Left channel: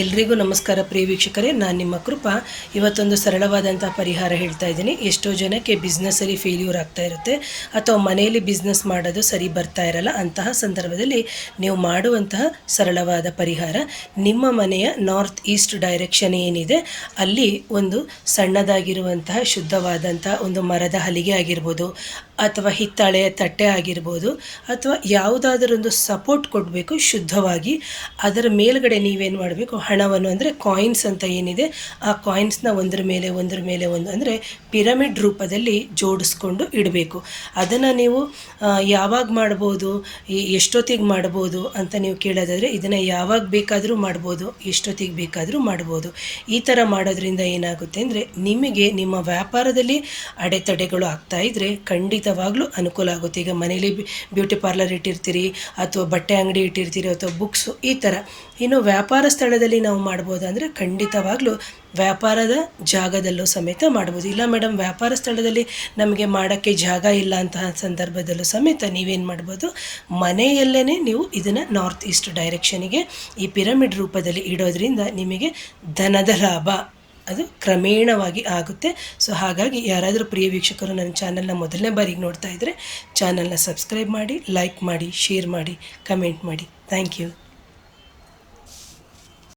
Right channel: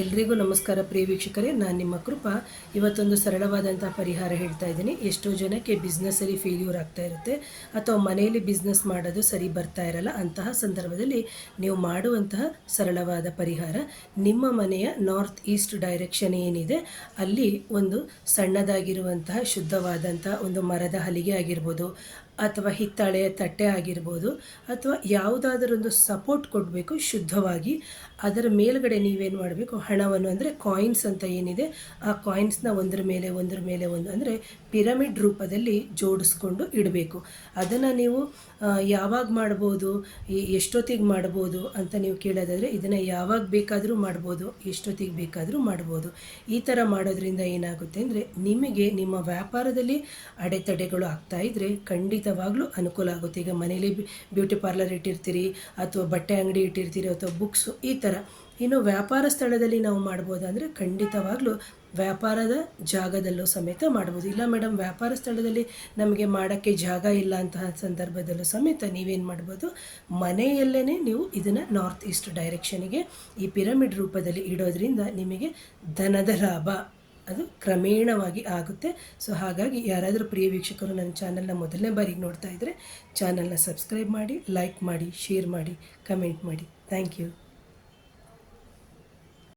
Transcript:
ಎಲ್ರಿಗೂ ನಮಸ್ಕಾರ ಪ್ರಿಯ ವೀಕ್ಷಕರೇ, ನಾನು ನಿಮ್ಮ ಕೃಪಾ. ಇವತ್ತೊಂದು ಸರಳವಾದಂಥ ಪರಿಹಾರ ಹೇಳ್ತಾ ಇದ್ದೀನಿ. ಎಷ್ಟೋ ಜನಕ್ಕೆ ಬಿಸ್ನೆಸ್ಸಲ್ಲಿ ಫೇಲ್ಯೂರ್ ಆಗ್ತಾ ಇರುತ್ತೆ, ಅಥವಾ ಮನೆಯಲ್ಲಿ ಬಿಸ್ನೆಸ್ ಮಾಡೋದು ಸರಿ ಬರ್ತಾ ಇರಲ್ಲ. ಅಂತಹ ಸಂದರ್ಭದಲ್ಲಿ ನೀವು ಮಾಡುವಂತಹ ಸರಳವಾದ ಪರಿಹಾರ, ನಿಮ್ಮ ಮನೆಯ ನಾರ್ತ್ ಈಸ್ಟ್ ಡೈರೆಕ್ಷನ್ ಏನಿದೆ ಅಲ್ಲಿ ಒಂದು ಸಣ್ಣದಾಗಿರುವಂತಹ ಶುದ್ಧವಾದಂಥ ಒಂದು ಮರದ ಹಲಿಗೆ ಆಗಿರ್ಬೋದು, ಅಥವಾ ಹಿತ್ತಾಳೆಯ ತಟ್ಟೆ ಆಗಿರ್ಬೋದು, ಅಥವಾ ಯಾವುದಾದರೊಂದು ಸಪೋರ್ಟ್ ಕೊಡಬೇಕು ಶುದ್ಧವಾಗಿ. ಅದರ ಮೇಲ್ಗಡೆ ನೀವೇನು ಮಾಡಬೇಕು, ಹಣವನ್ನು ಅಂದರೆ ಕಾಯಿನ್ಸ್ ಅಂತ ಏನಿದೆ ಆ ಕಾಯಿನ್ಸ್ನ ಒಂದ್ರ ಮೇಲೆ ಒಂದು ಅಂದರೆ ಪಿರಮಿಡ್ ರೂಪದಲ್ಲಿ ಜೋಡಿಸ್ಕೊಂಡು ಇಡಬೇಕು. ಅದನ್ನು ನೀವು ಯಾವಾಗ ಮಾಡ್ಬೋದು, ಎಷ್ಟೊತ್ತಿಗೆ ಮಾಡ್ಬೋದು ಅಂತ ನೀವು ಕೇಳೋದಾದರೆ, ಇದನ್ನು ಯಾವಾಗ ಬೇಕಾದರೂ ಮಾಡ್ಬೋದು, ಎಷ್ಟೊತ್ತಿಗೆ ಬೇಕಾದರೂ ಮಾಡ್ಬೋದು. ಈ ಥರ ಮಾಡೋದ್ರಿಂದ ಏನಾಗುತ್ತೆ ಅಂದರೆ, ನಿಮಗೆ ನಿಮ್ಮ ವ್ಯಾಪಾರದಲ್ಲಿ ಅಡೆತಡೆಗಳು ಆಗ್ತಾಯಿದ್ರೆ ಖಂಡಿತವಾಗ್ಲೂ ಅನುಕೂಲ ಆಗುತ್ತೆ. ಈಗ ಮನೇಲಿ ಬ್ಯೂಟಿ ಪಾರ್ಲರ್ ಇಟ್ಟಿರ್ತೀರಿ, ಅಥವಾ ಬಟ್ಟೆ ಅಂಗಡಿ ಇಟ್ಟಿರ್ತೀರಿ, ಅಥವಾ ಬುಕ್ಸು, ಈ ಥರ. ಇನ್ನು ವ್ಯಾಪಾರ ಸ್ಥಳದಲ್ಲಿ ನಾವು ಮಾಡ್ಬೋದು ಅಂದರೆ ಖಂಡಿತವಾಗ್ಲೂ ವ್ಯಾಪಾರದ ಜಾಗದಲ್ಲೂ ಸಮೇತ ಮಾಡ್ಬೋದು. ಇಲ್ಲ ಮೇಡಮ್, ವ್ಯಾಪಾರ ಸ್ಥಳದಲ್ಲಿ ನಮಗೆ ಮಾಡೋಕ್ಕೆ ಜಾಗ ಇಲ್ಲ ಅಂತಹ ಸಂದರ್ಭದಲ್ಲೂ ಸಮೇತ ನೀವೇನು ಮಾಡ್ಬೋದು, ಮನೆಯಲ್ಲೇ ನೀವು ಇದನ್ನು ನಾರ್ತ್ ಈಸ್ಟ್ ಡೈರೆಕ್ಷನಿಗೆ ಈ ಪಿರಮಿಡ್ ರೂಪದಲ್ಲಿ ಇಡೋದ್ರಿಂದ ನಿಮಗೆ ಧನದ ಲಾಭ ಅದು ಕ್ರಮೇಣವಾಗಿ ಆಗುತ್ತೆ. ಸೊ ಹಾಗಾಗಿ ಯಾರಾದರೂ ಪ್ರಿಯ ವೀಕ್ಷಕರು ನನ್ನ ಚಾನಲ್ನ ಮೊದಲನೇ ಬಾರಿಗೆ ನೋಡ್ತಾ ಇದ್ದರೆ ಚಾನಲ್ನ ಸಬ್ಸ್ಕ್ರೈಬ್ ಮಾಡಿ, ಲೈಕ್ ಮಾಡಿ, ಶೇರ್ ಮಾಡಿ, ಕಮೆಂಟ್ ಮಾಡಿ. Thank you.